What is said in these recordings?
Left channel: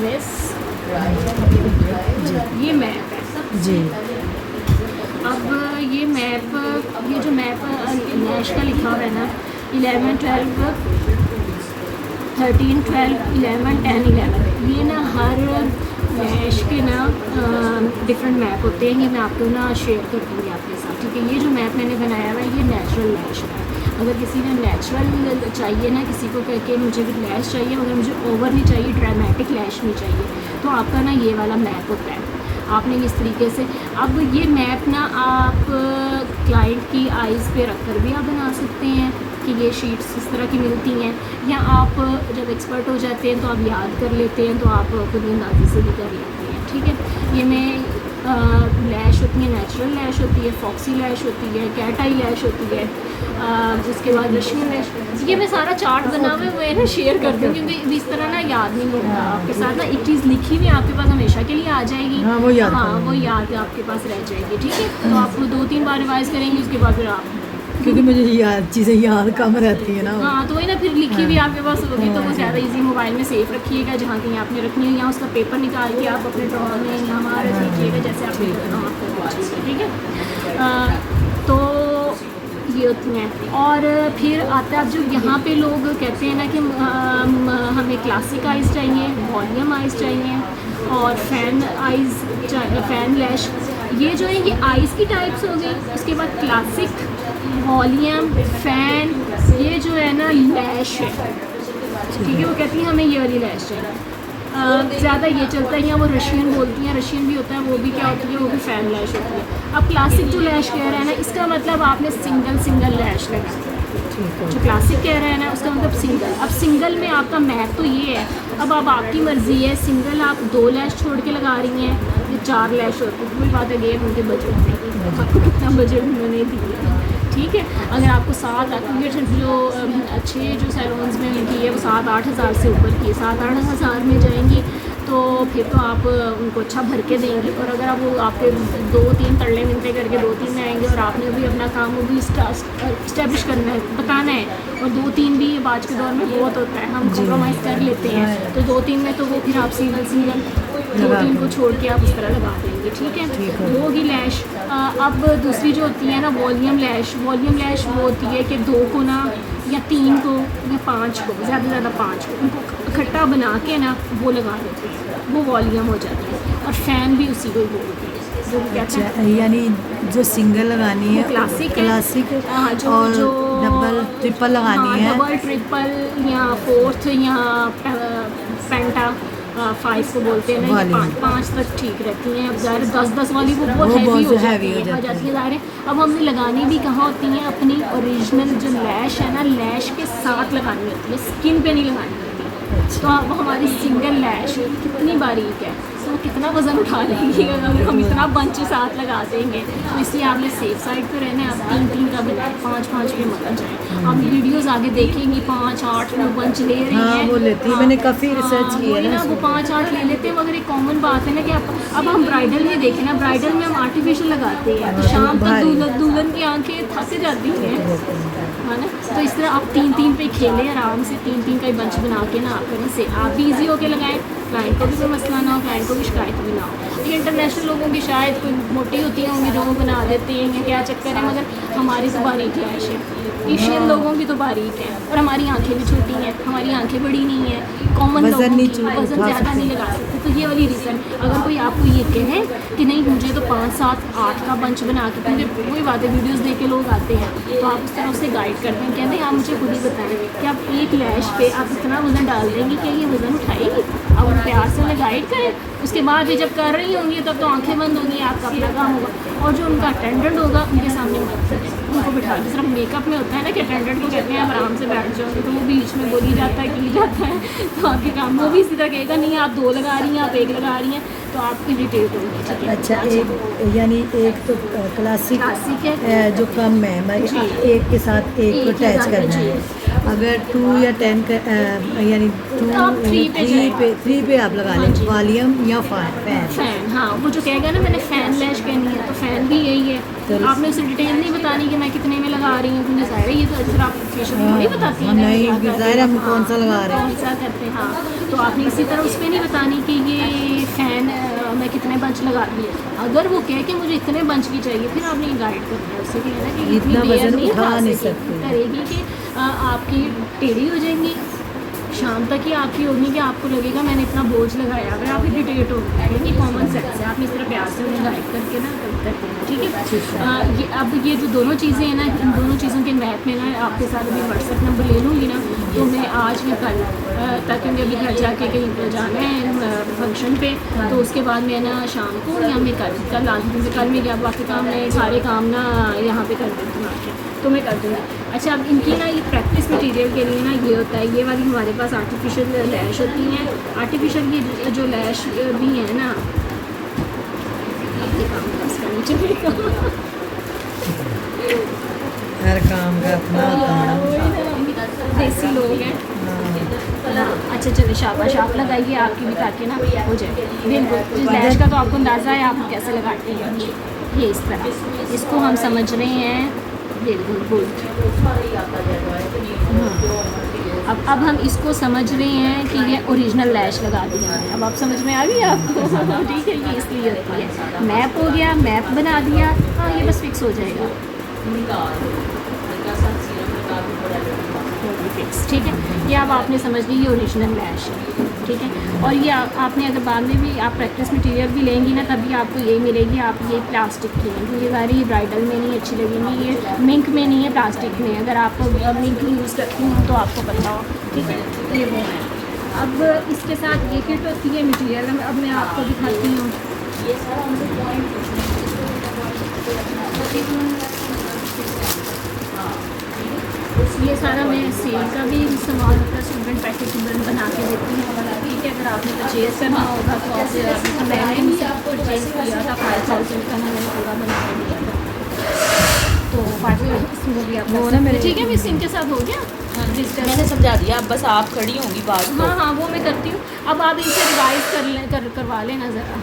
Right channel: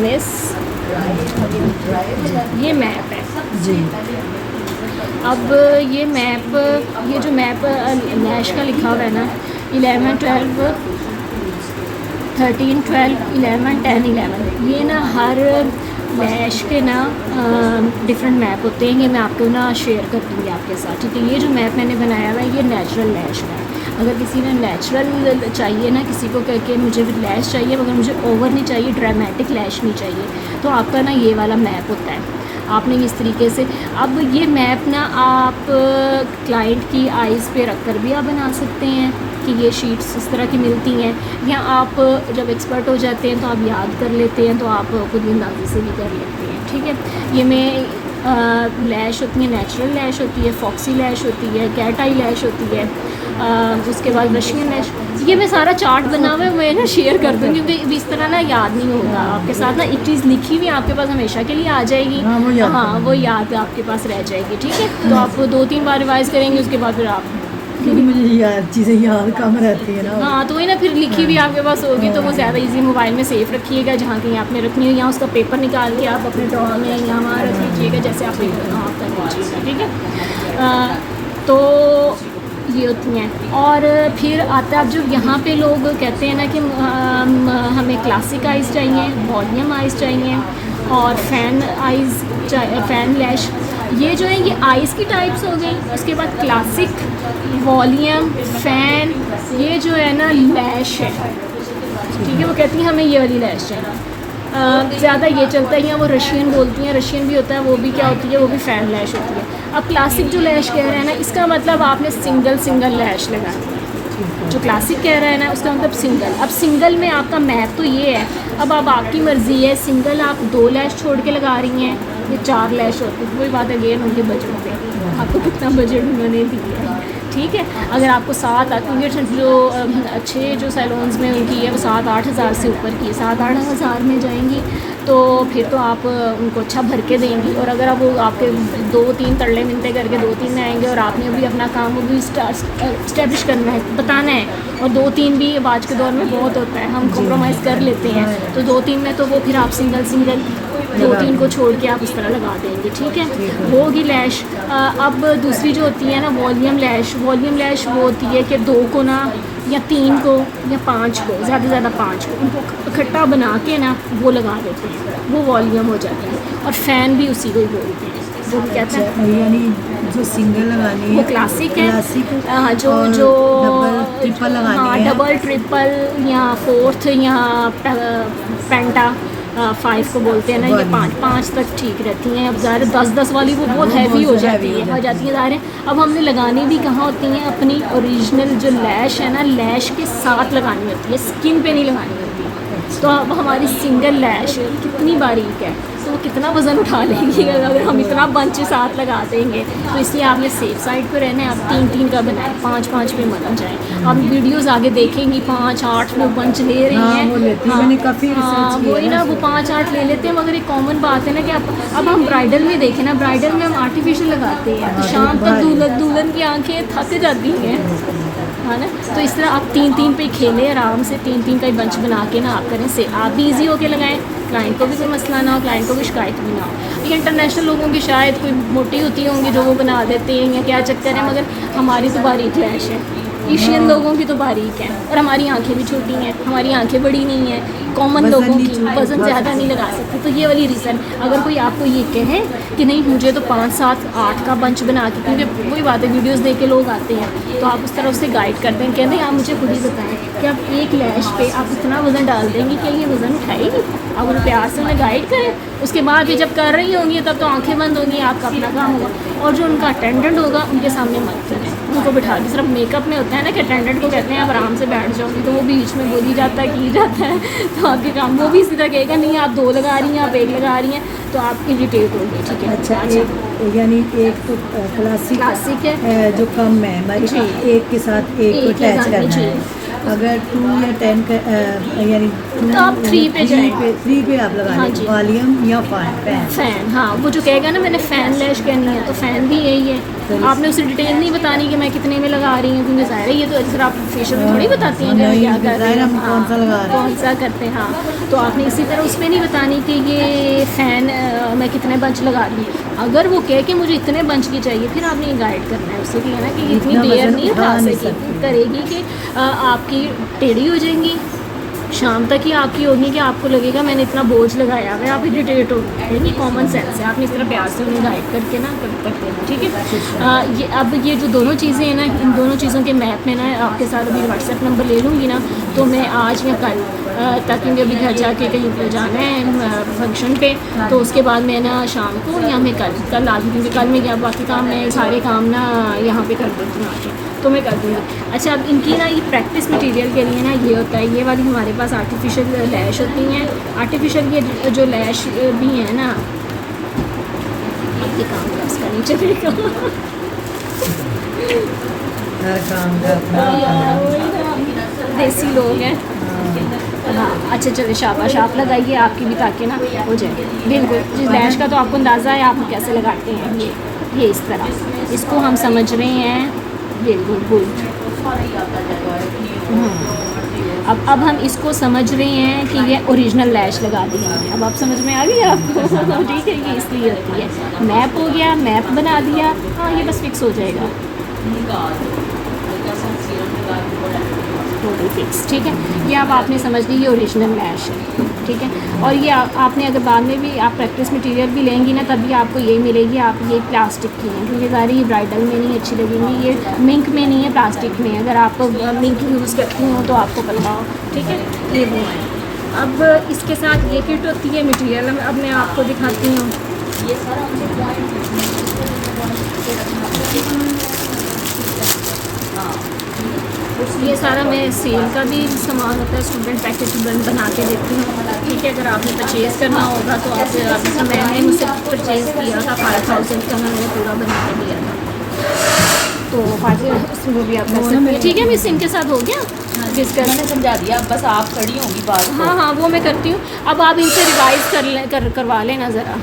This, ये map है जी। अब ये मैप, ये जो मैप लैश का लिखा हुआ है ना 11, 12, 13, 12, 11, 10, 11, ये ना हर लैश के ना डिफरेंट मैप होते हैं। ये मैं आपको ना शेयर कर दूँगी आपके साथ, ठीक है। ये जो मैप मैंने बनाया हुआ है ये नेचुरल लैश है। अगर किसी ने नेचुरल चाहिए ना, किसी को कह के मुझे लैश चाहिए मगर मुझे ओवर नहीं चाहिए, ड्रामेटिक लैश नहीं चाहिए, तो आपका ना ये वाला मैप होता है। आपने इस तरीके से, अब ये मैप ना आप क्लाइंट की आइज़ पे रख कर भी आप बना सकते हैं कि ये शीट्स इस तरह की मिलती हैं, या आप जब एक्सपर्ट हो जाते हैं तो आप याद कर लेते हैं तो आप खुद अंदाज़े से भी कर लेते हैं, ठीक है। ये में लैश होती है, नेचुरल लैश होती है, फॉक्सी लैश होती है, कैट आई लैश होती है, उसके बाद रशियन लैश। ये मैं सारा चार्ट बना हुआ है, मैं ना शेयर कर दूँगी क्योंकि इस तरह ना याद नहीं होगा आपके साथ ना। एक चीज़ लिखी हुई आपके पास हमेशा के लिए आ जाएगी, हाँ वो याद आपके पास रह जाएगी, ठीक है। तो आप 2-3 बार रिवाइज़ करेंगे, उसके बाद फिर आप, क्योंकि मुझे याद चीज़ें याद कम रहती है ना। हाँ तो वही ना, फिर लिखी हुई आपके पास होगी तो वो ज़्यादा इजी, मोबाइल में सेफ रखिएगा जहाँ कहीं आपने रखनी हो, यहाँ उसका पेपर निकाल के आप अपने ड्रॉर में यहाँ वहाँ रख लीजिएगा जैसे आप पेपर वहाँ कर लीजिएगा, ठीक है। तो ये होती हैं। और फिर आता है जो यहाँ पे लोग कहते हैं ना कि हमें क्लासिक आइज़ चाहिए, वॉल्यूम आइज़ चाहिए और फैन आइज़ चाहिए, फैन लैश। ये जो है ये आइज़ की टाइप्स हो गई। उसके बाद क्लासिक, वॉल्यूम, फ़ैन, ये जो है ना लैश है, ठीक है। वो कहती हैं हमें ये वाली लैश चाहिए, ज़्यादा ये चलता है। या वो रशियन बोलती हैं, रशियन भी होता है, वो भी क्या होती है, वो भी फ़ैन लैश होती है। अब क्लासिक जो लैश कह रहे हैं ना, इसका मतलब आपने सिंगल लैश लगानी है। जो क्लासिक कह रहे हैं ना उसका मतलब सिंगल। अब सिंगल में आपका मैप तो ये है, अब आपकी मर्ज़ी है, सिंगल आप 2 लैश छोड़ के लगा रही हैं, वो 4 लैश होती है, वही बात है अगेन उनके बजट में, आपको कितना बजट उन्होंने दिया, ठीक है। अगर आपको 7 जो अच्छे जो सैलून्स में उनकी है 7-8 हज़ार से ऊपर की, 7-8 हज़ार में जाएंगी तो फिर तो आप उनको अच्छा भर के देंगे। और अगर आप वो आपके 2-3 तरले मिलते करके 2-3 में आएंगे और आपने भी अपना काम वो भी इस्टेब्लिश करना है, बताना है, और 2-3 भी आज के दौर में बहुत होता है, हम कॉम्प्रोमाइज़ कर लेते हैं, तो 2-3 में तो वो फिर आप सिंगल 2-3 को छोड़ के आप इस तरह लगा देंगे, ठीक है। वो होगी लैश। अब दूसरी जो होती है ना वॉल्यूम लैश, वॉल्यूम लैश वो होती है कि 2 को ना या 3 को या 5 को, ज़्यादा से ज़्यादा 5 को, उनको इकट्ठा बना के ना वो लगा देते हैं, वो वॉल्यूम हो जाती है। और फ़ैन भी उसी को बोलते हैं, जो कहते हैं यानी जो सिंगल लगानी है वो क्लासिक है। हाँ जो डबल ट्रिपल लगानी है, डबल ट्रिपल या 4th या पेंटा 5 को बोलते हैं ना, ये 5 तक ठीक रहती हैं। अब ज़्यादा 10 वाली वो बहुत हैवी हो जाती है ज़ाहिर है। अब हमें लगानी भी कहाँ होती हैं, अपनी ओरिजिनल जो लैश है ना, लैश के साथ लगानी होती है, स्किन पे नहीं लगानी होती। तो अब हमारी सिंगल लैश कितनी बारीक है, तो कितना वज़न उठा लेंगे अगर हम इतना बंच साथ लगा देंगे। तो इसलिए आपने सेफ साइड पर रहना है। आप 3-3 का बनाएं, 5-5 में मत जाए। आप वीडियोस आगे देखेंगी 5-8 लोग बंच ले रहे हैं, वो लेती है, मैंने काफ़ी रिसर्च किया वही ना, वो 5-8 ले लेते हैं। मगर एक कॉमन बात है ना कि अब हम ब्राइडल में देखें ना, ब्राइडल में हम आर्टिफिशियल लगाते हैं, तो शाम तक दुल्हन की आँखें थक जाती हैं, है ना। तो इस तरह आप 3-3 पे खेलें आराम से, 3-3 का ही बंच बना के ना आप करें, से आप भी ईजी होके लगाएं, क्लाइंट को भी कोई मसला ना हो, क्लाइंट को भी शिकायत भी ना हो। लेकिन इंटरनेशनल लोगों की शायद कोई मोटी होती होंगी जो वो बना देते हैं या क्या चक्कर है, मगर हमारी तो बारीक लैश है, एशियन लोगों की तो बारीक है, और हमारी आंखें भी छोटी हैं, हमारी आंखें बड़ी नहीं हैं, कॉमन लोगों की वज़न ज़्यादा नहीं लगा सकते। तो ये वाली रीज़न, अगर कोई आपको ये कहे कि नहीं मुझे तो 5-7-8 का बंच बना के, क्योंकि वही बात है वीडियोस देख के लोग आते हैं, तो आप उस तरफ से गाइड करते हैं, कहते हैं आप मुझे खुद ही बताएं कि आप एक लैश पे आप इतना वज़न डाल देंगे कि ये वज़न उठाएगी। आप उन्हें प्यार से उन्हें गाइड करें, उसके बाद भी जब कर रही होंगी तब तो आँखें बंद होंगी, आपका अपना काम होगा। और जो उनका अटेंडेंट होगा उनके सामने मत करें, उनको बिठा के। सिर्फ मेकअप में होता है ना कि अटेंडेंट को कहते हैं आप आराम से बैठ जाओ, तो वो बीच में बोली जाता है की जाता है, तो आपके काम वो भी इसी तरह कहेगा नहीं आप 2 लगा रही हैं, आप 1 लगा रही हैं, तो आप इरिटेट होंगे, ठीक है। अच्छा, यानी एक तो क्लासिक है जो कम है, एक के साथ एक को अटैच करना है, अगर 2 या 10 का यानी तो आप 3 पे जाएं। 3 पे आप लगा हाँ लें जी। वॉल्यूम या फैन। फ़ैन, हाँ, वो जो कहेगा ना मैंने फ़ैन लैश करनी है तो फ़ैन भी यही तो है। आपने उसे डिटेल नहीं बतानी कि मैं कितने में लगा रही हूँ, क्योंकि ज़ाहिर है ये तो अक्सर आप फेशियल में थोड़ी बताती हैं कि हम नहीं, क्या कर रहे ज़ाहिर है हैं, हम कौन सा लगा रहे हैं। कौन सा करते हैं, हाँ। तो आपने इसी तरह उसमें नहीं बतानी कि ये फ़ैन मैं कितने बंच लगा रही हूँ। अगर वो कहे कि मुझे इतने बंच की चाहिए, फिर आपने ये गाइड करना है उससे कि है ना कि इतनी इतना देर वज़न नहीं उठा उठा नहीं सके सकती। करेगी कि आपकी टेढ़ी हो जाएंगी, शाम तक ही आपकी होगी कि आपको लगेगा मैंने इतना बोझ लगाया हुआ है, आप इरिटेट हो गए। ये कॉमन सेंस है, आपने इस तरह प्यार से उन्हें गाइड करके ना करते हैं, ठीक है। ये अब ये जो दोनों चीज़ें हैं ना, इन दोनों चीज़ों के मैप में ना आपके साथ अभी व्हाट्सएप नंबर ले लूँगी ना, तो मैं आज या कल तक क्योंकि अभी घर जाके कहीं पे जाना है फंक्शन पे, तो उसके बाद मैं ना शाम को या मैं कल आ जाऊँगी। कल मैं क्या बाकी काम मैं सारे काम ना यहाँ पे कर देती हूँ, तो मैं कर दूँगी। अच्छा, अब इनकी ना ये प्रैक्टिस मटेरियल के लिए ना ये होता है, ये वाली हमारे पास आर्टिफिशियल लैश होती हैं। आर्टिफिशियल ये जो लैश भी है ना, ये काम है इसका नीचे फिर हर काम का अपना होता है। देसी लोग हैं। हाँ, अच्छा चलिए, शाबाश, आप लगाइए आपकी भी ताकि ना हो जाए। बिल्कुल, इस लैश का तो आपको अंदाज़ा है आप कैसे लगाते हैं। ये इस तरह इसको हम समझ रहे हैं। बिल्कुल गुड। अब हम इसको समझ रहे हैं कि ये ओरिजिनल लैश लगा दी है। अब आप समझ में आ गई आपको ठीक है, ये इसलिए होती है। मैप हो गया, मैप बना दिया, हाँ ये बस फिक्स हो जाएगा, फिक्स, ठीक है। ये अब आपने समझ ली, ये ओरिजिनल लैश है, ठीक है। और ये आपने अगर बाद में भी आप प्रैक्टिस मटेरियल भी लेंगी ना, तभी आपको यही मिलेगी। आप ये प्लास्टिक की है, क्योंकि सारी ब्राइडल में नहीं अच्छी लगेंगी, ये मिंक में नहीं है, प्लास्टिक में। अगर आप मिंक यूज़ करती हो तो आपको पता हो, ठीक है। ये वो है। अब इसके साथ ये किट होती है मटेरियल, अब मैं आपको दिखाती हूँ। ये सारा ये सारा मैं सेल का भी सामान होता है, स्टूडेंट पैकेज बना के देती हूँ, ठीक है। अगर आपने परचेज़ करना होगा तो आप मैंने मुझसे परचेज़ किया था 5000 का, मैंने पूरा बना के दिया था, तो 5000 उसमें भी आप कर सकते हैं, ठीक है। मिस इनके साथ हो गया डिस्कस, मैंने समझा दिया, अब बस आप खड़ी होंगी बात को। हाँ हाँ, वो मैं करती हूँ। अब आप इनसे रिवाइज़ करवा लेना ज़रा,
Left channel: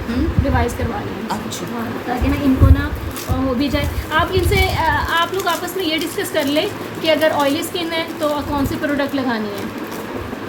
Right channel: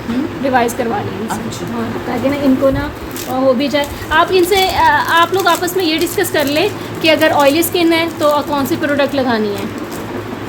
रिवाइज़ करवा लेना। अच्छा। हाँ, ताकि ना इनको ना हो भी जाए। आप इनसे आप लोग आपस में ये डिस्कस कर ले कि अगर ऑयली स्किन है तो कौन सी प्रोडक्ट लगानी है,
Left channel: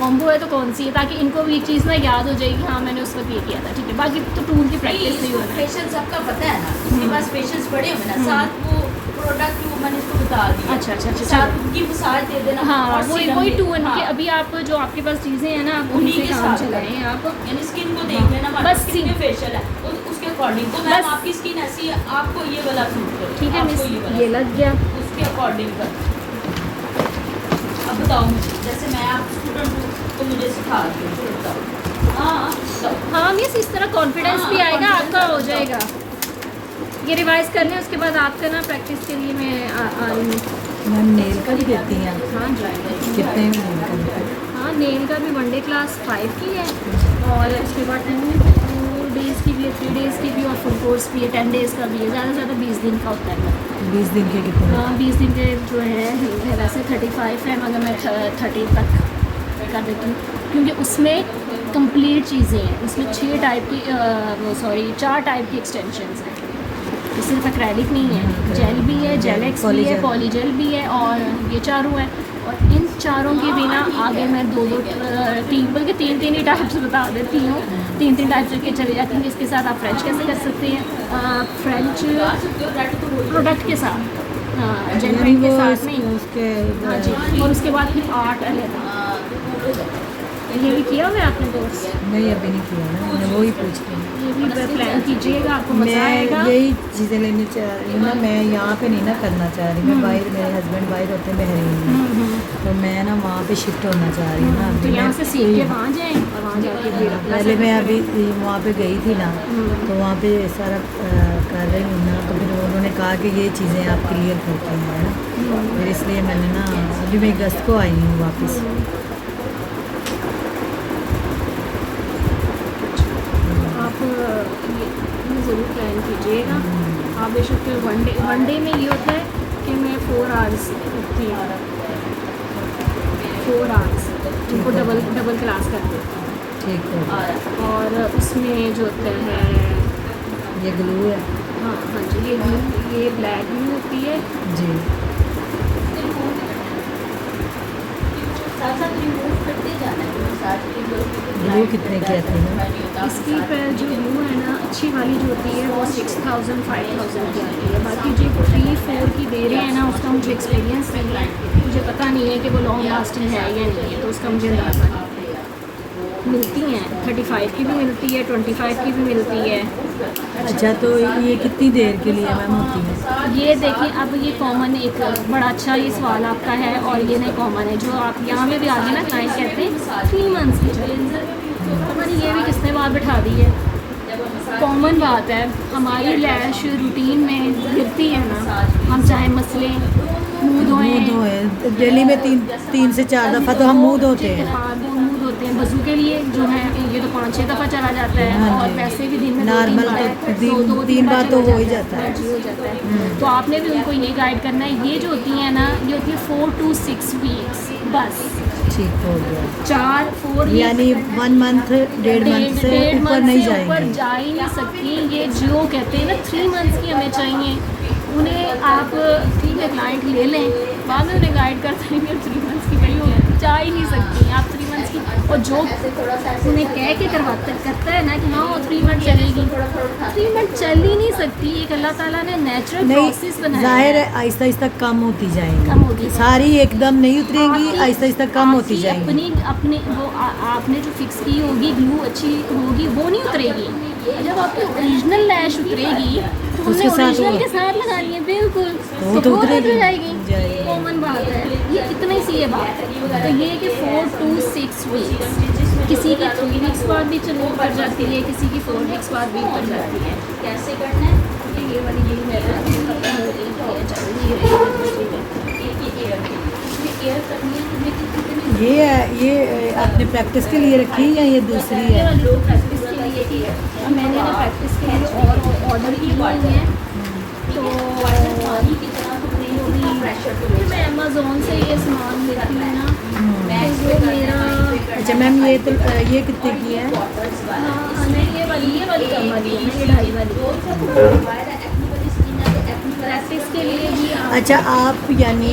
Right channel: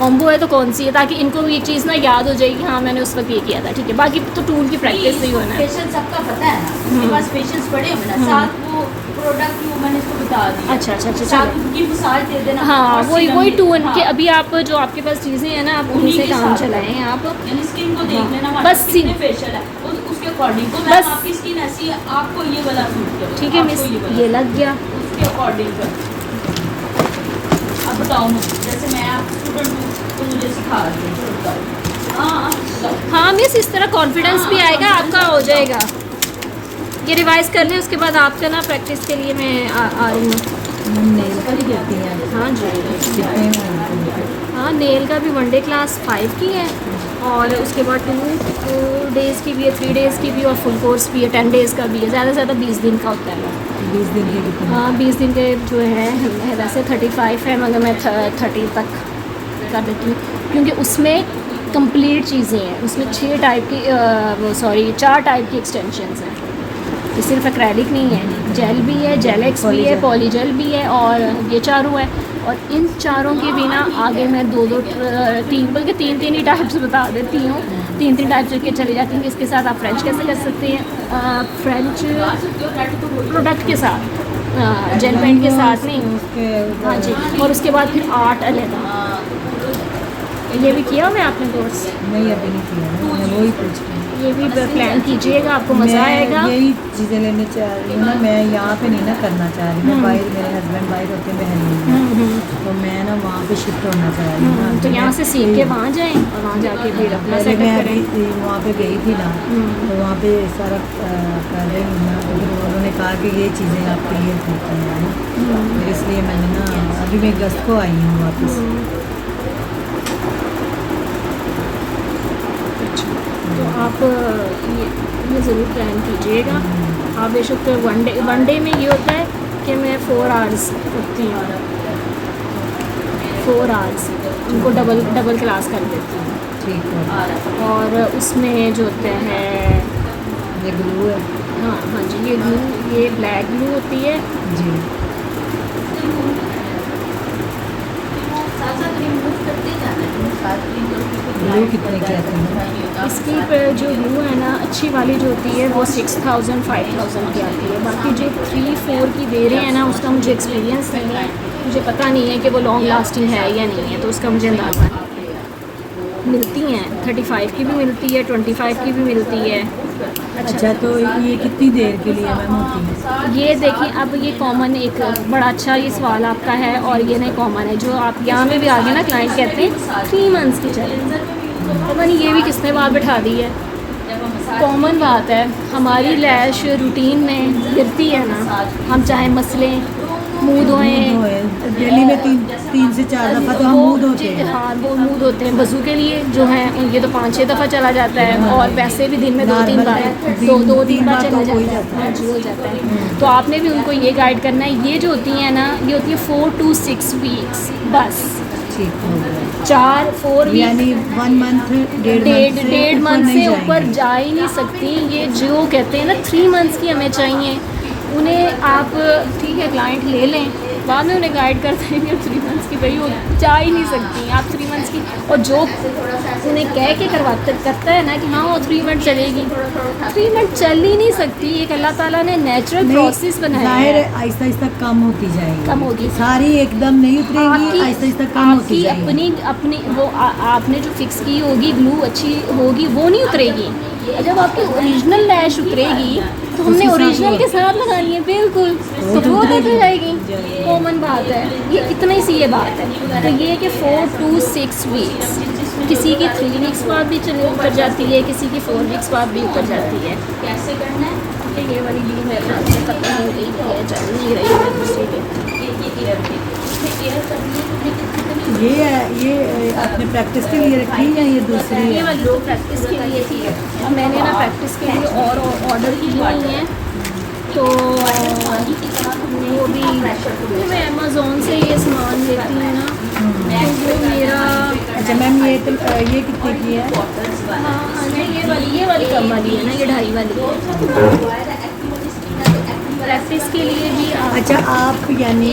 कॉम्बो है तो कौन सी है, ताकि इनको ये चीज़ ना याद हो जाएगी, हाँ मैंने उस वक्त ये किया था, ठीक है। बाकी तो टूल की प्रैक्टिस नहीं होना है। पेशेंस सबका पता है ना, उसके पास पेशेंस बड़े होना, साथ वो प्रोडक्ट वो मैंने उसको बता दिया। अच्छा अच्छा अच्छा, साथ चलो। उनकी मसाज दे देना। हाँ, और वही सीरम वही दे- टूल हाँ, के अभी आप जो आपके पास चीज़ें हैं ना, आप उन्हीं उनसे के काम साथ चलाएं आप। यानी स्किन को देख लेना, हमारे बस पास कितने फेशियल है उसके अकॉर्डिंग। तो बस। मैम आपकी स्किन ऐसी है, आपको ये वाला सूट करो, ठीक है मिस, आपको वाला। ये लग गया। उसके अकॉर्डिंग कर। अब बताओ मुझे, जैसे मैं आप स्टूडेंट हूँ तो मुझे सिखा दें। हाँ हाँ मिस, इस तरह कॉन्फिडेंस भी आएगा, आपका हो जाएगा। ये रिवाइज़ कर लें, उसके बाद आपका ना प्रैक्टिस के लिए मैं आ रही हूँ। हम नेल का भी देती हैं। हाँ जी, कितने में बनते हैं? हाँ नेल का भी 1 डे क्लास 5 की है, और उसके बाद 2 डेज़ की भी है, 3 डेज़ की भी, और फुल कोर्स भी है, 10 डेज़ का भी है। ज़्यादा से ज़्यादा 20 दिन का होता है। 20 दिन के कितने? हाँ 20 दिन के जो है वैसे 35 है, मगर मैं 30 तक कर देती हूँ, क्योंकि उसमें कंप्लीट चीज़ें हैं। उसमें 4 टाइप की एक्सटेंशंस हैं। ये सिर्फ एक्रेलिक नहीं है, जेल भी है, जेलेक्स भी है, पॉलीजेल भी है, और ये चारों है। और इन चारों के बिना आगे मैं 3 बल्कि 3 ही टाइप्स बता देती हूँ। 3 टाइप्स के चले जाती हैं। इसके साथ आप फ्रेंच कैसे कर सकते हैं, फ्रेंच प्रोडक्ट के साथ, जेल पेंट के साथ नहीं। उसके हाँ जी, और उसके बाद फिर आर्ट अलग। ये भी किया मैं आपने कोर्स, नहीं अभी नहीं किया ना, मैं वही पूछ रही हूँ। ये भी प्लान कीजिएगा, आपको मज़ा आएगा। मैं यही चीज़ें लेने चाह रही हूँ ना, मैं यहाँ पे नहीं ना करना चाह रही। मैं बाहर, मेरे हस्बैंड बाहर होते हैं बहरीन, तो मैं ना वहाँ पे शिफ्ट होना चाह रही हूँ ना। तो यहाँ से सीख के वहाँ जाएं, और वहाँ जाके फिर अपना पहले सेटअप मैं करें। अभी वहाँ पे गई थी ना, तो वहाँ पे सारा कर रही हूँ ना, तो फिर उन्होंने कहा कि ये चीज़ें आप क्लियर करती हैं ना, फिर इसलिए मैंने ना अभी मैं अगस्त को आई हूँ वापस। आप ये ज़रूर प्लान कीजिएगा। आप बेशक 1 डे में ये होता है कि मैं 4 आवर्स उठती हूँ, 4 आवर्स, जिनको डबल क्लास कर देती हैं। ठीक है। और उसमें जो होता है, ये ग्लू है हाँ जी, ये ग्लू, ये ब्लैक ग्लू होती है जी। साथ साथ रिमूव करते जाना है, साथ ग्लू कितने की आती है? इसकी जो ग्लू है ना, अच्छी वाली जो होती है वो 6000 5000 की आती है। बाकी जो 3-4 की दे रहे हैं ना, उसका मुझे एक्सपीरियंस नहीं है, मुझे पता नहीं है कि वो लॉन्ग लास्टिंग है या नहीं है, तो उसका मुझे अंदाज़ा नहीं है। मिलती हैं 35 की भी मिलती है, 25 की भी मिलती है। अच्छा, तो ये कितनी देर के लिए मैम होती है? ये देखिए, अब ये कॉमन एक बड़ा अच्छा ये सवाल आपका है, और ये नहीं कॉमन है जो आप यहाँ में भी आगे ना क्लाइंट कहते हैं 3 मंथ्स की चलेंगे, पता नहीं ये भी किसने बात बैठा दी है। कॉमन बात है, हमारी लैश रूटीन में गिरती है ना, हम चाहे मसलें मुँह धोएं, डेली में 3 से 4 दफ़ा तो हम मुँह धोते हैं। हाँ, वो मुँह धोते हैं। वज़ू के लिए जो है ये तो 5-6 दफ़ा चला जाता है, और वैसे भी दिन में 2-3 बार, दो तीन बार चला जाता है। हाँ जी, हो जाता है। तो आपने भी उनको ये गाइड करना है। ये जो होती हैं ना, ये होती है 4 to 6 वीक्स बस। ठीक हो गया, 4-4 यानी 1 मंथ, डेढ़ मंथ से ऊपर जाएंगे। जा ही नहीं सकती। ये जो कहते हैं ना 3 मंथ्स की हमें चाहिए, उन्हें आप ठीक है क्लाइंट ले लें, बाद में उन्हें गाइड कर देंगे 3 मंथ्स की, भाई वो जा ही नहीं सकती आप 3 मंथ्स की। और जो उन्हें कह के करता है ना कि हाँ 3 मंथ चलेगी, 3 मंथ चल ही नहीं सकती। एक अल्लाह ताला ने नेचुरल प्रोसेस बनाया जाहिर है। है, आहिस्ता आहिस्ता कम होती जाएगी, कम होगी सारी एकदम नहीं उतरेगी, आपकी- आहिस्ता आहिस्ता कम होती आपकी जाएगी। अपनी वो आपने जो फिक्स की होगी ग्लू अच्छी होगी, वो नहीं उतरेगी। और जब आपकी ओरिजिनल लैश उतरेगी तो हमने उसके साथ ओरिजिनल वो- के साथ लगानी है, बिल्कुल, वो तो तो वो उतरेगी। उतर जाएगी। जाएगी। कॉमन बात है, ये इतनी सी ये बात है। तो ये कि 4 to 6 वीक्स, किसी की 3 वीक्स बाद भी चलो उतर जाती है, किसी की 4 वीक्स बाद भी उतर जाती है। कैसे करना है? तो ये वाली ली मेरे पास खत्म हो गई है, चल नहीं रही है दूसरी की। ये एयर करनी है, लेकिन कितनी ये है, ये आपने प्रैक्टिस के लिए रखी है या ये दूसरी ये है? वाली दो प्रैक्टिस के लिए थी। अब मैंने ना प्रैक्टिस के लिए और ऑर्डर की हुई हैं, तो वो भी मैं अमेज़ोन से ये सामान लेती हूँ ना, तो वो मेरा अच्छा मैम, ये कितने की है? हाँ नहीं, ये वाली कम वाली है ना, ये 2.5 वाली प्रैक्टिस के लिए भी अच्छा, आप यानी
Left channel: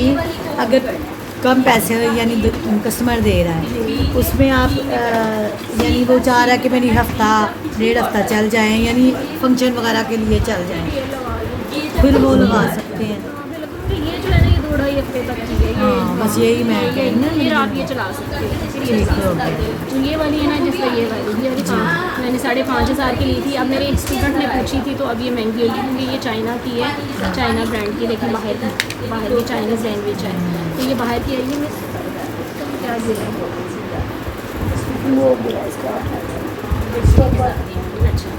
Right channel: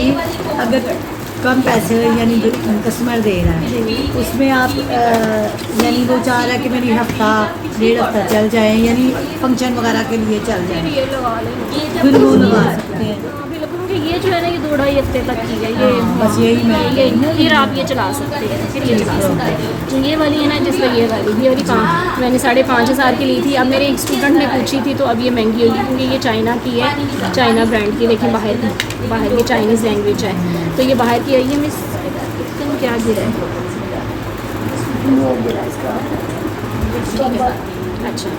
अगर कम पैसे यानी कस्टमर दे रहा है, उसमें आप यानी वो चाह रहा है कि मेरी हफ्ता 1.5 हफ्ता चल जाए, यानी फंक्शन वगैरह के लिए चल जाए, ये लगा लें। फिर वो लगा सकते हैं। ये जो है ना, ये 2-2.5 हफ्ते तक की है ये। बस यही मैं फिर आप ये चला सकते हैं, फिर ये चला सकते हैं। तो ये वाली है ना, जिस तरह ये वाली काम मैंने 5,500 की ली थी। अब मेरे एक स्टूडेंट ने पूछी थी, तो अब ये महंगी होगी क्योंकि ये चाइना की है, चाइना ब्रांड की। देखिए बाहर ये चाइनीज़ लैंग्वेज है, तो ये बाहर की है। ये मिस एकदम क्या गिरा है, वो गिरा इसका। ठीक है, अच्छा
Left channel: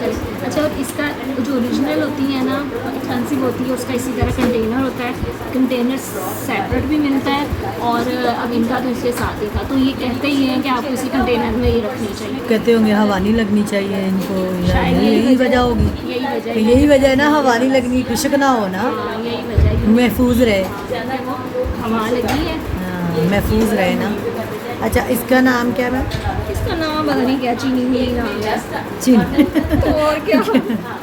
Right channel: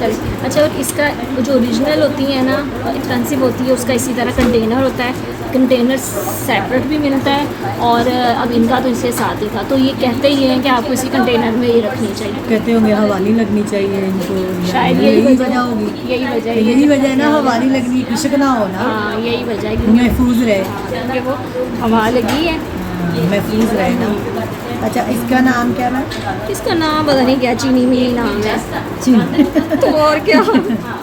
चलिए। अच्छा, और इसका जो ओरिजिनल होती है ना, एक्सपेंसिव होती है, उसका इसी तरह कंटेनर होता है, कंटेनर सेपरेट भी मिलता है। और अब इनका तो इसके साथ ही था, तो ये कहते ही हैं कि आपको इसी कंटेनर में ही रखनी चाहिए। कहते होंगे हवाली लगनी चाहिए इनको, शायद यही वजह होगी। यही वजह तो है। यही वजह है ना, हवाली लगनी, खुशक ना हो ना, हाँ, यही वजह है कि महफूज रहे, वो हवा लगी है। महफूज रहे ना। अच्छा, इसका नाम क्या है? इसका नाम पता नहीं क्या, चीनी मिनी नाम है। चीनी तो और क्या,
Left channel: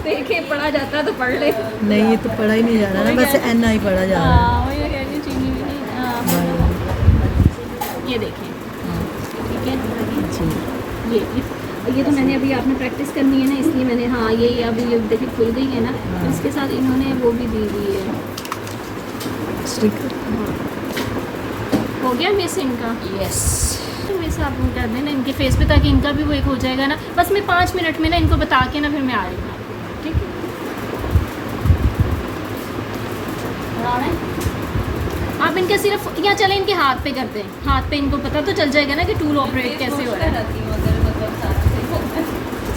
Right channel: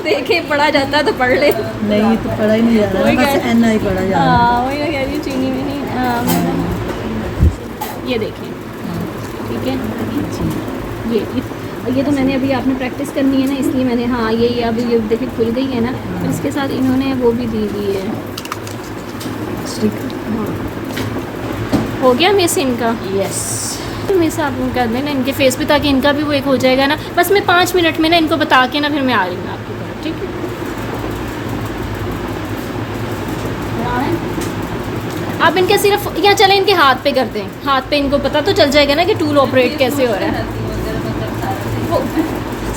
देखे पढ़ा जाता है तो पढ़ ले। नहीं, ये तो पढ़ा ही नहीं जा रहा, बस एन आई पढ़ा जा रहा है। हाँ, वही मैं कह रही हूँ, चीनी मिनी। ये देखिए, ठीक है, ये तो मैंने अभी आपने प्रैक्टिस करनी है ना, इसलिए मैंने, हाँ ये अब ये देखिए खुल गई है ना, इसके साथ इन्होंने वो भी दी हुई है। हो गया मिस इनका? यस, तो मिस आप वो कर देना इनके फेस पे, ताकि इनका भी वो एक हो जाएगा ना। बस मैं 5 मिनट में ना इनको बता के ना फिर मैं आ जाऊँगा, ठीक है? आप इनके सिर्फ यहाँ चले, इनके हाथ पे कर दें, हाथ पे इनको पता तो चल जाएगा ना कि टूल ऑपरेट कैसे हो रहा है।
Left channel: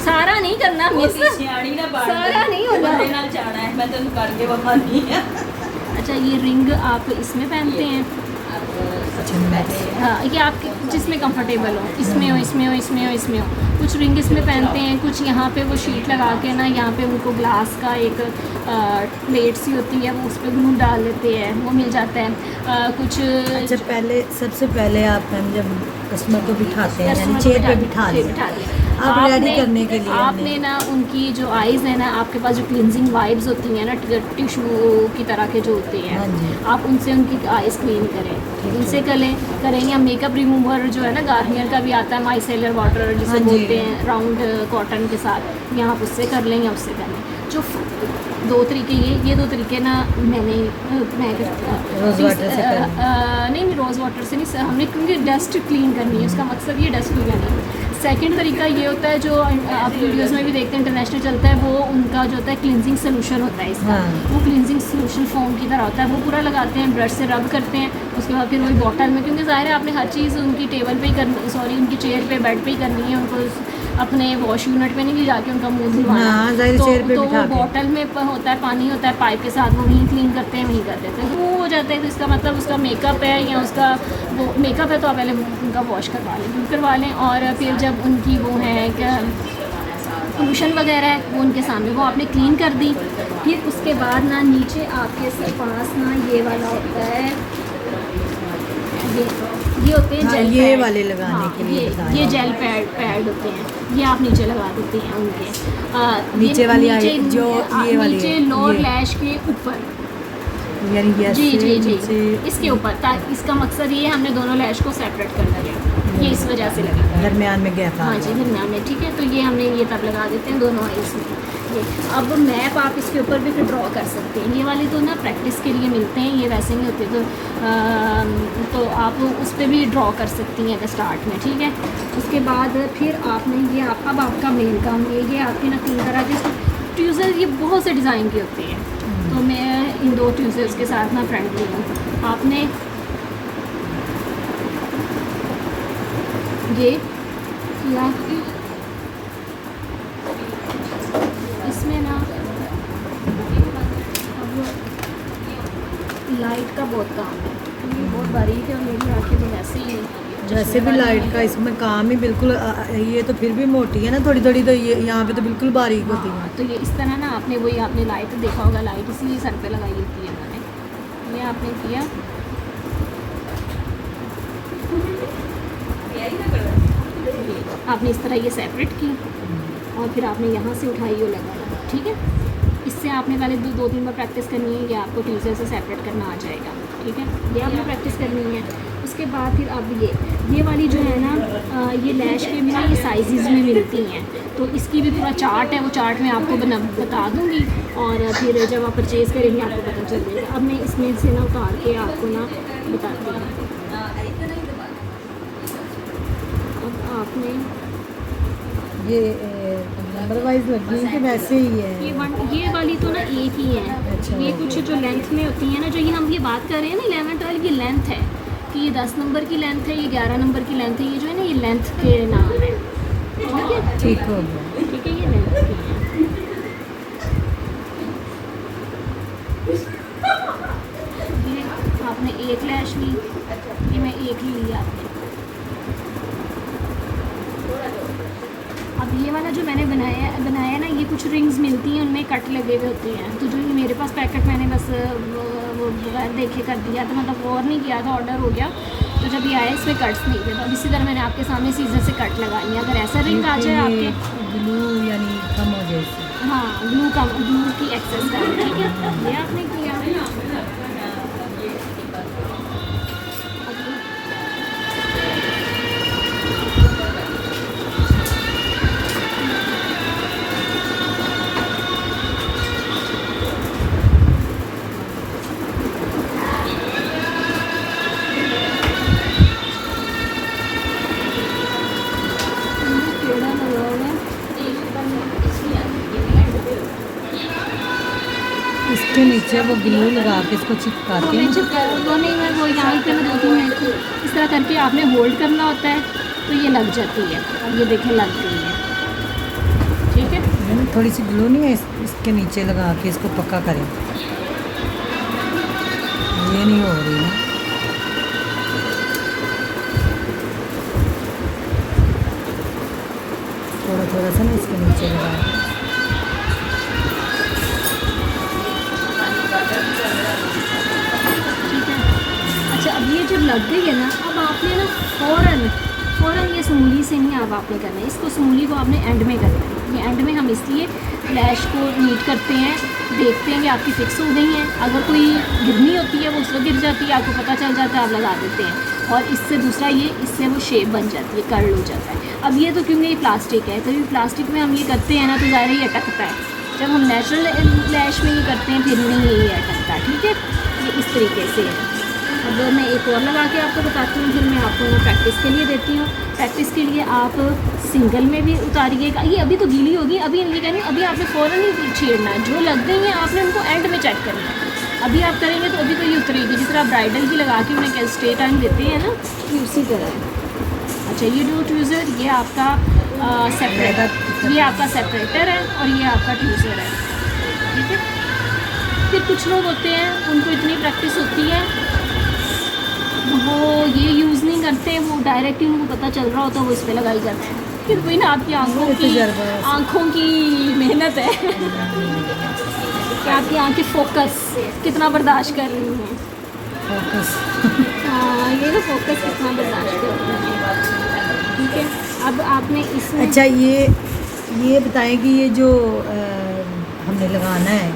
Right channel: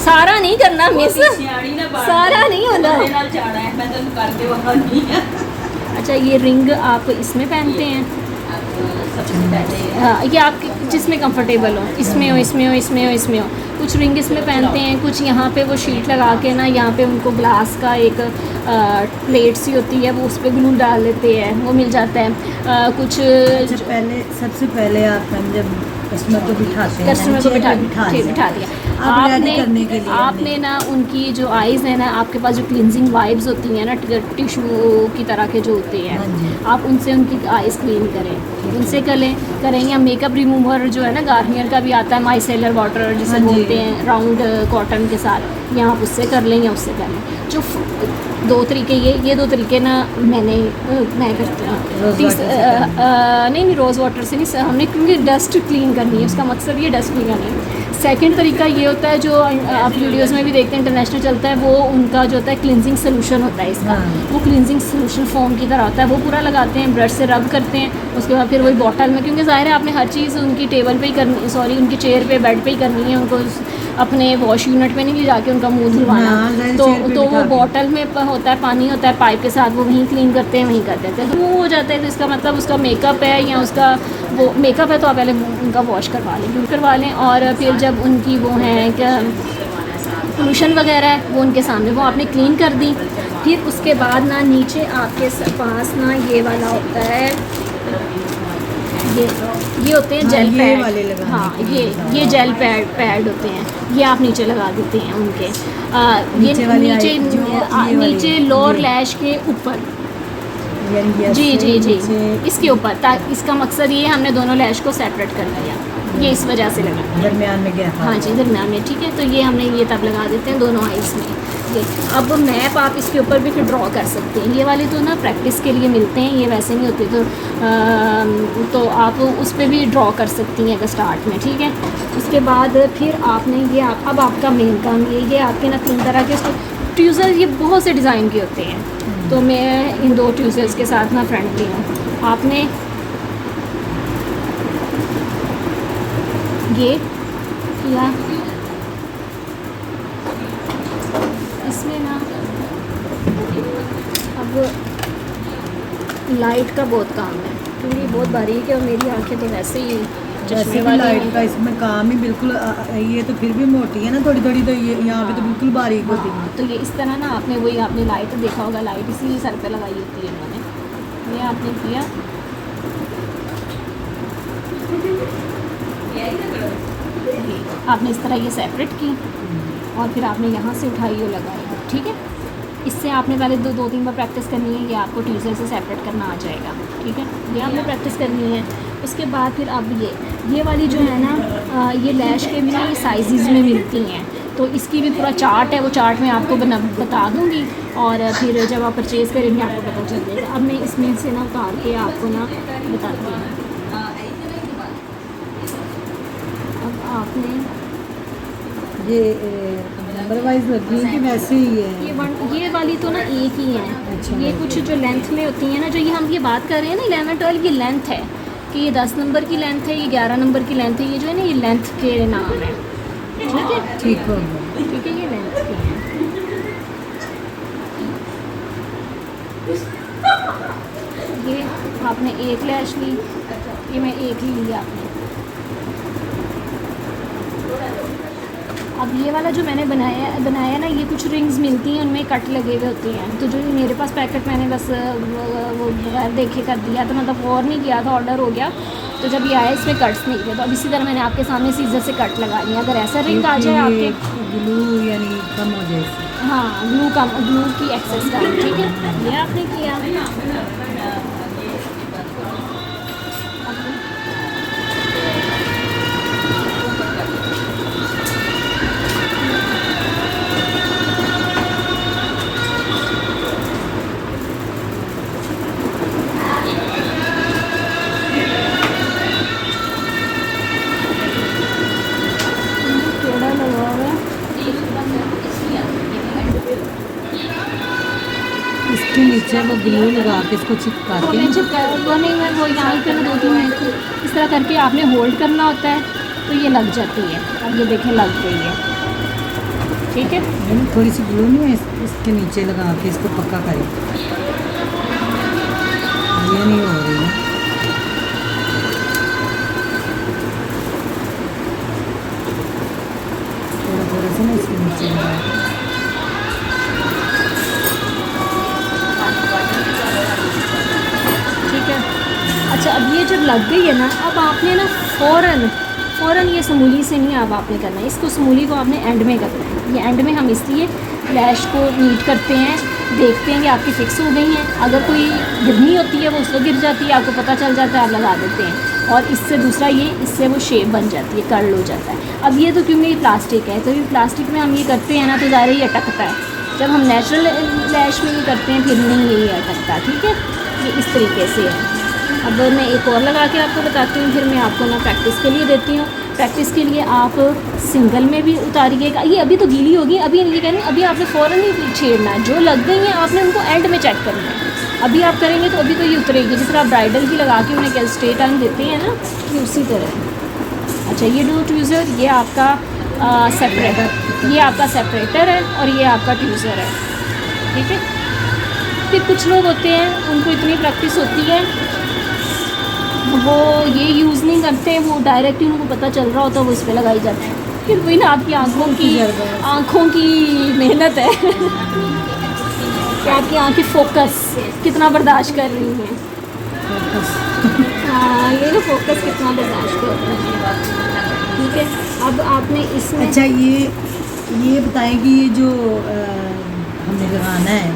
सारा नहीं करना मिस, सारा नहीं होना। अच्छा, ये रिंग आप इसमें पहनते हैं, सबसे पहले हाँ, ये आप जिसमें कंफर्टेबल हो, इसमें हो, इसमें हो, इसमें हो, इसमें हो। कुछ रिंग इसमें पहनते हैं, कुछ यहाँ पे वो शीट लगा के ना, यहाँ पे उनको ग्लास का एक प्लेट सी होती है, वो उस पर ग्लू डाल देते हैं, वो मिल जाता है। कुछ सबसे पहले आप जब कस्टमर को बिठाते हैं कस्टमर को बिठा बिठा दिया। अब रेडी करने के लिए आपने ना उनकी जो आइज़ है ना, आपके पास जो क्लिनजिंग वाइब्स होती हैं ना, टिश्यू की तरह के जो होते हाँ हैं, जी। आप उनसे उनकी आइज़ क्लीन करें, उनसे करें या मेकअप रिमूवर जो है ना, गार्नियर का भी आता है माइसेलर वाटर जिसे हाँ जी। बोलते हैं, राउंड कॉटन के साथ, या आप उससे कर लें या उससे कर लें। जो दो तरीके, ये दो तरीके ना मैं करती हूँ। रोज़ वाटर से करना। नहीं रोज़ वाटर से नहीं, हमने क्योंकि डस्ट क्लीन करनी है, उसका मकसद ये डस्ट क्लीन करनी है। सेकंड तरीका ये होता है, जो आप वीडियोस में भी देखते हैं, इंटरनेशनल चलता है, वो उनका जो होता है क्लिनजिंग सोल्यूशन होता है इसका। हाँ। वो क्लिनजिंग सोल्यूशन फोम की तरह होता है, वो पूरा लगाते हैं, ब्रश से रब करते हैं, उसके बाद फिर वही बॉटल में, क्योंकि ज़ाहिर है आपने हर चीज़ उनकी टेबल पे ही करनी, सॉरी उनकी चेयर पे, बेड पे ही करनी है, उनको अपने वॉश यूनिट में नहीं ले जाके उनका मुँह धुलवाना। हाँ, ज़ाहिर तो चेयर पे वो बिठा के। बॉटल में होता है, पानी होता है पाइप के साथ, वो वहीं क्लीन करते हैं, वहीं कर देते हैं। तो वो हो जाता है, जिसका मतलब उसका मेकअप है या उसका वो मेकअप है, तो आप पहले उनका वॉश करवा लें, दूर करवा लें, और फिर जब उनकी वो है क्या पोल्यूशन वगैरह है, वो उनके सामने वो आपने क्लीन कर दी। फिर उसके बाद ना नीचे आपके पास ना ये वाला होता है, ये होते हैं हाँ, जेल ये पैड वाले लगाने हाँ, के लिए बताया। ये जेल पैड होते हैं, ये आप नीचे लगा देते हैं उनके नीचे ये वाली नीचे आई- जो ये वाली नीचे है, लोअर ये। लैश के ऊपर, यानी ये जी ऐसे जी जी नीचे इसके ऊपर, ताकि इसका मकसद ये है, हमने दोनों लैश को सेपरेट कर दिया, ये इस वजह से लगा। दरमियान में गया हाँ जी, दरम्यान में, ठीक है। तो ये हमने ये तब लगा देते हैं दोनों आइस में। ये अब मैप आप इसके ऊपर भी फिर ड्रॉ कर सकते हैं। ये वाले तो ना प्रैक्टिस के लिए मिलते हैं, ये वैसे नहीं होते, तो आप उस पर भी ड्रॉ कर सकती हैं अगर स्टार्ट में, ठीक है। उसके बाद फिर आपने ये अब आपका मेन काम ये आपके ना 3 तरह के ट्यूज़र, ये बहुत से डिज़ाइन के होते हैं, तो मैं इन 2 ट्यूज़र्स के साथ ना फ्रेंडली हूँ। आपने ये किया, इसमें ना अब लाइट का बहुत काम है, क्योंकि बहुत बारीक है और मेरी आंखें भी वैसे ही वैसे भी लाइट का इसमें काम ही बिल्कुल ये तो फिर भी मोटी है ना थोड़ी थोड़ी, तो ये यहाँ पे तो बिल्कुल बारीक होती है। तो ये इस तरह ना आपने वही आपने लाइट देखा होगा, लाइट इसी सर पे लगाई होती है मैंने, ये आपने किया, आपने इस तरह ये सेपरेट की, और फिर आपने यहाँ से उठाई और लगाई, ठीक है। इससे आपने पहले 2-3 बार प्रैक्टिस करनी है, ये आपको ट्यूज़र से सेपरेट करना आ जाएगा, ठीक है। ये आपने प्रैक्टिस करनी है। उसके बाद फिर अब ये वाली जो है ना, ये लैश के भी ना ये साइज़ में मिलती हैं, तो इसकी भी पूरा चार्ट है, वो चार्ट मैं आपको बता दूँगी, और फिर जब आप परचेज़ करेंगे आपको पता चल जाएगा। अब मैं इसमें से ना उतार के आपको ना बताती हूँ। अब आपने ये नंबर वाइज लगी है कि वैसे ही है? ये वाली तो ना एक ही है। अच्छा। ये कुछ जो लेंथ में होती है ना, जो ये हम ये बात कर रहे हैं ना 11 12, ये लेंथ है कि ये 10 नंबर की लेंथ है, ये 11 नंबर की लेंथ है, ये जो है ना ये लेंथ के नाम है, ठीक है। ठीक हो गया। ठीक है, ये लेंथ के हैं। ये आपने एक लैश ली, ये मैं एक ही ली आपने। अब ये वाला जो मैंने बनाया ना, ये कुछ रिंग्स मिलती हैं, उनमें कट लगे हुए होते हैं, तो जो मेरे पास पैकेट मैंने बस वो बगैर देखे कर दिया, तो मतलब और नहीं किया था, ऑर्डर हो गया, तो जब ये आया इसमें कट्स नहीं थे, तो अब इसी तरह मैंने आपके सामने सीजर से कट लगा लिया। अगर ऐसा रिंग आ जाए आपके, ग्लू यानी कम हो जाए इससे। हाँ ग्लू की एक्सेस का, ठीक है, ये आपने किया। थोड़ा लगाओगे, इसके नीचे वो ग्लू लगा के इसको चिपकाते हैं। वो नहीं है, वो यहाँ पे ना 2-3 मिनट इस तरह करके आपने होल्ड करना होता है, तो ये लग जाती है। अब ये देखें लग गई है, ठीक है। यानी थोड़ी सी ग्लू नहीं है, इसके नीचे लगा के इसको पक्का करें। ये नहीं हो रही है। थोड़ा सा ना इसके नीचे लगा दें। ठीक है। अच्छा, अब ये जब लग गई है ना, अब आपने ना फ़ौरन ये समूली से नहीं अब आपने करना है, इसको समूली को आपने एंड में करना है। ये एंड में हम इसलिए लैश को नीट करते हैं, देखते हैं कि आपकी फिक्स हो गई हैं। अगर कोई गिरनी होती है वो उसको गिर जाती है, आपको पता चल जाता है, आप लगा देते हैं। और इससे दूसरा ये, इससे वो शेप बन जाती है, कर्ल हो जाता है। अब ये तो क्योंकि ये प्लास्टिक है, कभी प्लास्टिक में हम ये करते हैं ना तो ज़ाहिर ये अटकता है। जब हम नेचुरल लैश में ये करते हैं फिर नहीं ये अटकता। ठीक है, ये इस तरीके से है। अब मैं एक और लगा के आपको बताती हूँ, फिर मैं आपको ना प्रैक्टिस के लिए देती हूँ। प्रैक्टिस के लिए आप सिंगल में भी उतारिएगा। ये अभी तो गीली होगी, अभी ये कह रही हूँ, अभी आपने फ़ौरन ही छेड़ना, जो लग गई हैं आपने उनको एंड में चेक करना है। अभी आप करेंगे तो अभी तो ये उतरेगी, जिस तरह आप ब्राइडल की लगा के उन्हें क्या स्टे टाइम देते हैं ना, तो उसी तरह। अच्छा, ये दो ट्यूज़र, ये आपका सेपरेटर, ये आपका सेपरेटर है और ये आपका ट्यूज़र है। ठीक है। फिर कुछ लोग होते हैं उनको इतनी प्रैक्टिस होती है वो ये यूज़ नहीं करते, वो डायरेक्ट ही उनको पता चल रहा होता है वो इस पर लगाई जाते हैं। फिर वही ना आपकी आँखों की मेहनत है कि आपकी आँखें फोकस कितना बर्दाश्त कर रही हैं। हाँ, ये तो फोकस कितना बर्दाश्त कर रही है। ठीक है। अब आपने इसमें अच्छा ये बताएं कि ये जो हमने लगाना है,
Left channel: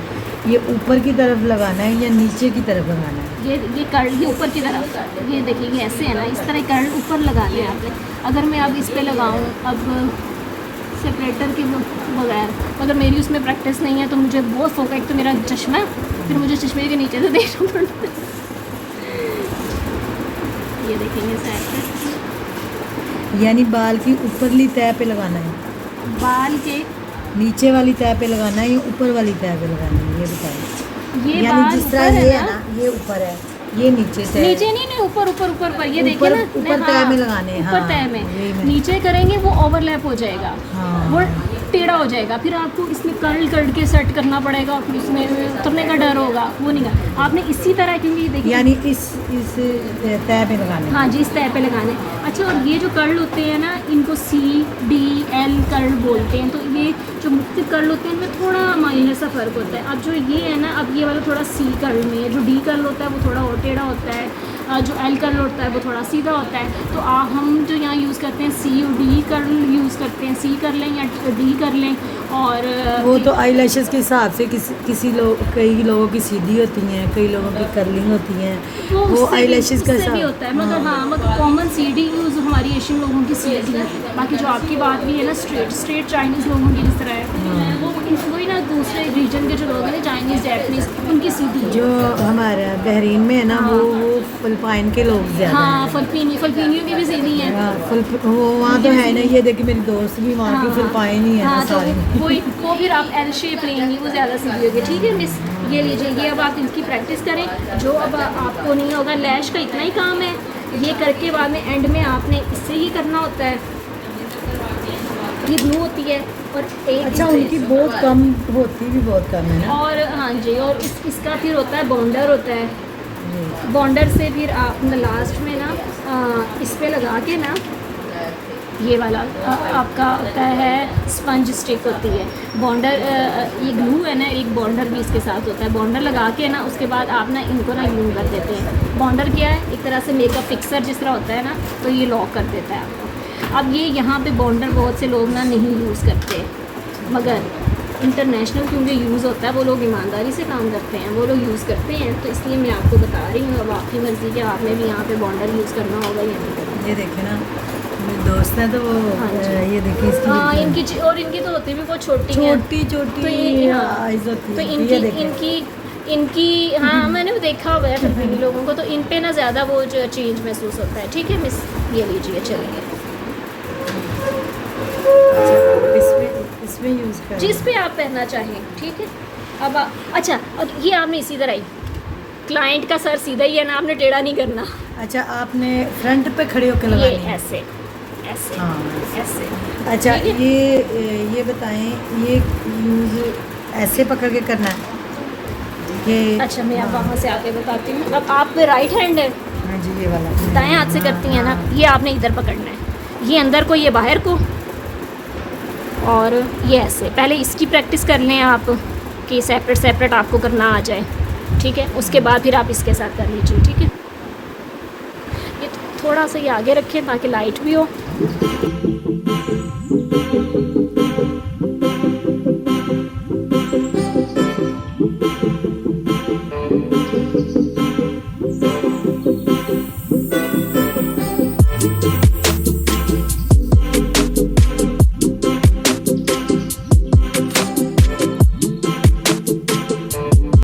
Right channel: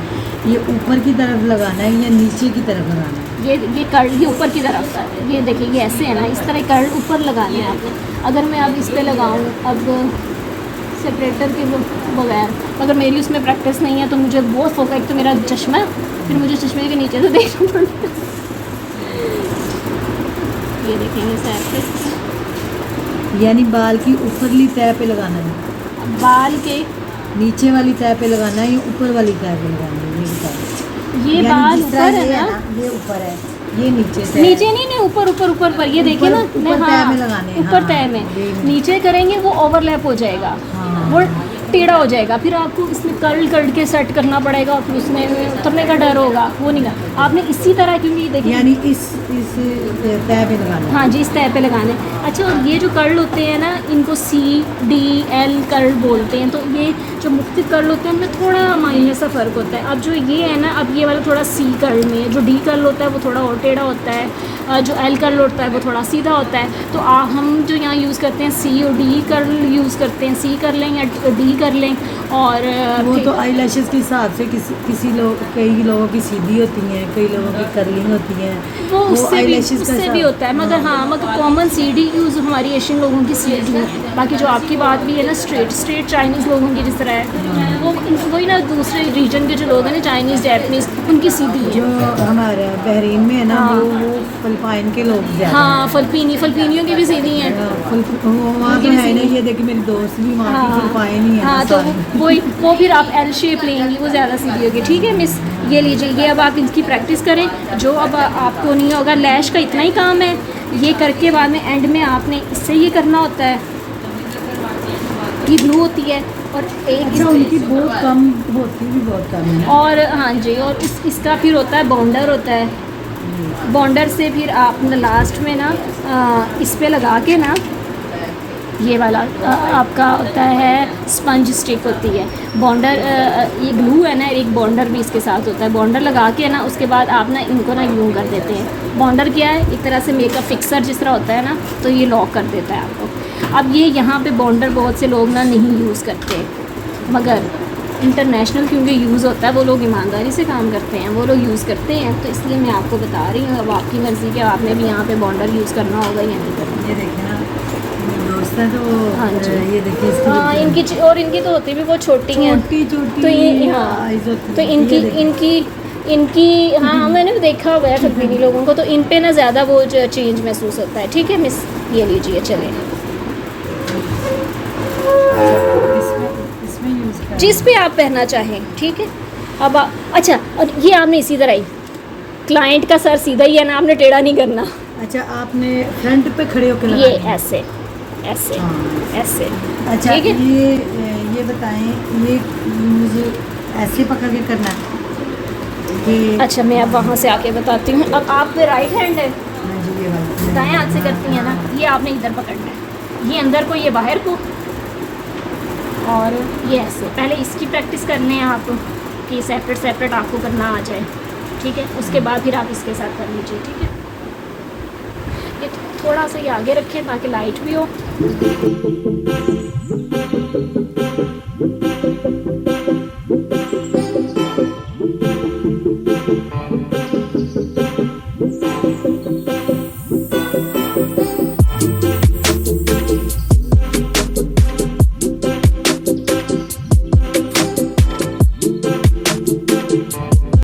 ये ऊपर की तरफ लगाना है या नीचे की तरफ लगाना है? ये कर्ल ये ऊपर की तरफ, ये देखिए ये ऐसे है ना, इस तरह कर्ल ऊपर लगाने हैं आपने। अगर मैं अब इस पे लगाऊं अब सेपरेटर के बगैर, अगर मेरी उसमें प्रैक्टिस नहीं है तो मुझे बहुत फोकस, एक तो मेरा चश्मा है, फिर मुझे चश्मे के नीचे से देखना पड़ता है। ये देखेंगे साइड पे, यानी बाल की ऊपरली तह पे लगाना है, बाल के नीचे वाली तह पे लगाना है या ऊपर वाली तह पे लगाना है, ये बताओ। ये यानी बाल जिस ऊपर तरह है ये ना, ये ऊपर है, ये नीचे से नीचे नहीं ऊपर ऊपर ऊपर पर, ये देखिए ना, ऊपर तह में लगाने हैं, ऊपर हाँ, तह में। वही में। नीचे करेंगे वो ओवरलैप हो जाएगा, हाँ। वो टेढ़ा हो जाएगा, फिर आपको इसमें कर्ल करके सेट करना पड़ेगा, फिर उसमें उतरने का डर होगा, वो नहीं कर आपने इसी तरह, क्योंकि देखिए यानी इस तह पे लगाना है। हाँ जी, इस तह पे लगाने। अच्छा, और ये जो कर्ल होते हैं ना, इनको CDL कर्ल बोलते हैं। तो ये जो मुख्तलिफ कर्ल होते हैं उनमें थोड़ा माइनर सा फ़र्क होता है। अब जो ये है ना, अब ये वाला थोड़ा C कर्ल में है, जो D कर्ल होता है वो थोड़ा और टेढ़ा होता है, जो L कर्ल होता है वो थोड़ा सीधा होता है। तो हम जो यहाँ यूज़ करते हैं C और D कर्ल यूज़ करते हैं, C कर लें या D कर लें। और वो तो आई लैशेस के हिसाब से कई लोगों की सीधी होती हैं, कई लोगों की कर्लिंग होती हैं, वो उससे भी, eyelashes का उससे भी हिसाब। होता है, मगर हाँ मतलब कॉमन CD यूज़ हमारी एशियन लोगों की CD है। बाकी जो आपकी बात भी है ना, स्ट्रेट चाइनीज़ लोगों की जिस तरह है, वो वही ना दूसरे रीजन के जो लोग हैं ना, चाइनीज़ जैपनीज़, उनकी CD है। जो हमारे बहरीन में है ना, हाँ। वो फिलिपाइन के लोग ज़्यादा हाँ, फिलिपिनियों की भी CD हैं। वहाँ तो है ना, ये देखिए मेरी दोस्त भी वहाँ की फिलिपाइन ही है हाँ, ना तो सारी। वो फिर आप L शेप लेंगी, वो ज़्यादा सीधी होगी। ठीक है मिस, ये लीजिए, ये अब आप इनकी प्रैक्टिस करें। जो अब आपको नहीं होगा, लैश का इतना ही काम है, ये करके बाद में एंड में आपने इससे ये करना होता है, ये ग्लू होती है और एक अच्छा, उनकी बहुत कम होती भी बहुत कम है ना। और हाँ जी, और इसका फिर होता है बॉन्डर होता है। बॉन्डर से फिर आपने लास्ट में ना इस पे लगा के ना, ये वाला आपका होता है स्पंज स्टिक होती है। बॉन्डर ये ग्लू है ना, एक बॉन्डर भी इसके साथ होता है। बॉन्डर लगा के ना उसके बाद आप ना इनको ना ग्लू कर देते हैं। बॉन्डर क्या है, एक तरह से मेकअप फिक्सर जिस तरह होता है ना, तो ये लॉक कर देता है आपको। अब ये यहाँ पे बॉन्डर बहुत से लोग ना नहीं यूज़ करते, मगर इंटरनेशनल क्योंकि यूज़ होता है, वो लोग ईमानदारी से काम करते हैं, वो लोग यूज़ करते हैं, तो इसलिए मैं आपको बता रही हूँ। अब आपकी मर्ज़ी कि आपने भी यहाँ पे बॉन्डर यूज़ करना होगा या नहीं करना। ये देखे ना, मेरे दोस्त हैं तो वो हाँ जी। ये देखिए इसकी हाँ, इनकी और इनकी तो होती भी बहुत छोटी हैं, छोटी छोटी तो ये हाँ, eyes होती तो हैं, ये देखिए। इनकी हाँ, मैंने भी देखा हुआ है फिलिपीनी लोगों को, तो इन पे ना ज़्यादा वो जो चेंज महसूस होता है। ठीक है मिस, ये लीजिए, चलें इसमें यूज़ कर जिस पे आप पहनना चाहें। ठीक है। अब अच्छा, और ये आपने इसी तरह ही, क्लाइंट का सर सीधा ही है ना, आपने टेढ़ा नहीं करना। अच्छा, आपने फ्रंट पे खड़े होकर ये लगानी है। ऐसे ऐसे हाँ। ऐसे। अच्छा, ठीक है? ये बताएं, ये यूज़ ऐसे पकड़ के करना है कि अच्छा, मैं अब वहाँ से आके बताती हूँ। अब आप पे राइट हैंड है, हाँ जी, ये वाला दाएं हाथ से करती हैं ना, ये आपने इधर पकड़ना है, ये अंदर को, ये बाहर को, और ये ऐसे पहले इसकी प्रैक्टिस कर लें आप कि सेपरेट सेपरेट आपको करना आ जाए, ठीक है। उसके बाद फिर आप इसके साथ कर लीजिए, ठीक है। ये थोड़ा सा ये आगे रखें ताकि लाइट भी हो।